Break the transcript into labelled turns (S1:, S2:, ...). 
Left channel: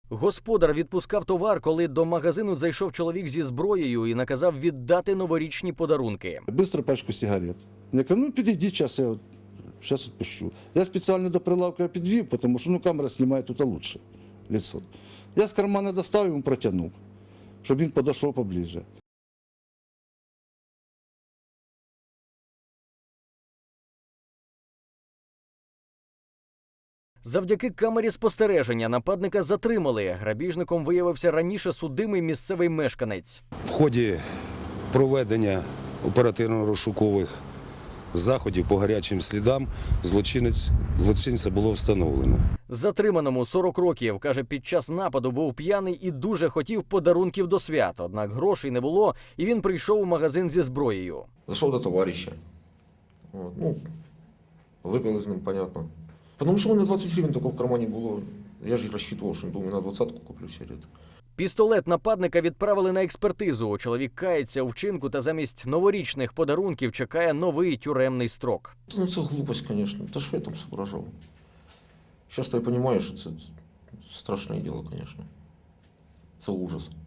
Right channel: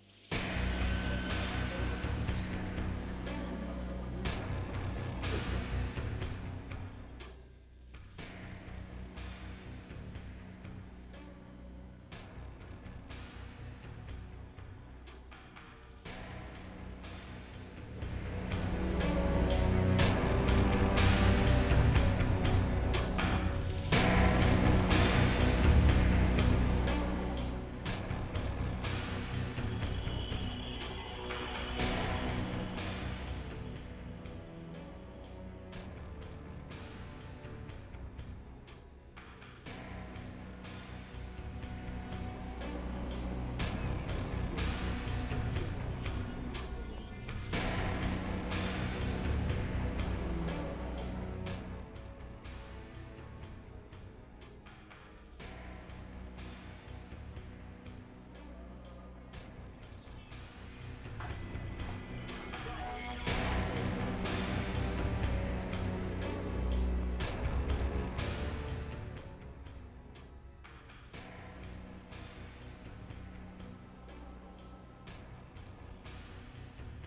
S1: Господар відпускав товар, коли до магазину зайшов чоловік зі зброєю і наказав віддати новорічні подарунки.
S2: Быстро пачку сигарет. Я кажу, ну підійди, зараз я зараз відпущу. Я спеціально до прилавка підвів, тому що камера знімає тут лучше лицо. Я з кармана достав, йому протягнув, щоб він підійшов поближе.
S1: Завдяки камері спостереження нападника затримали. Грабіжником виявився раніше судимий місцевий мешканець.
S3: В ході проведення оперативно-розшукових заходів по гарячим слідам злочинця було встановлено.
S1: Затриманому 40 років. Каже, під час нападу був п'яний і дуже хотів подарунків до свят. Однак грошей не було, і він прийшов у магазин зі зброєю.
S4: Зашел до товарища. Вот, ну, выпил из ним, понятно. Потому что у меня 20 гривен только в кармане было. Я же рассчитывал, что думаю, на 20-ку куплю сигарет.
S1: Пістолет нападника відправили на експертизу. Чоловік кається у вчинку та замість новорічних подарунків чекає новий тюремний строк.
S4: Ну, это глупость, конечно. Да что я там соображал? Сейчас я понимаю, что это страшное дело, конечно. Это ужас.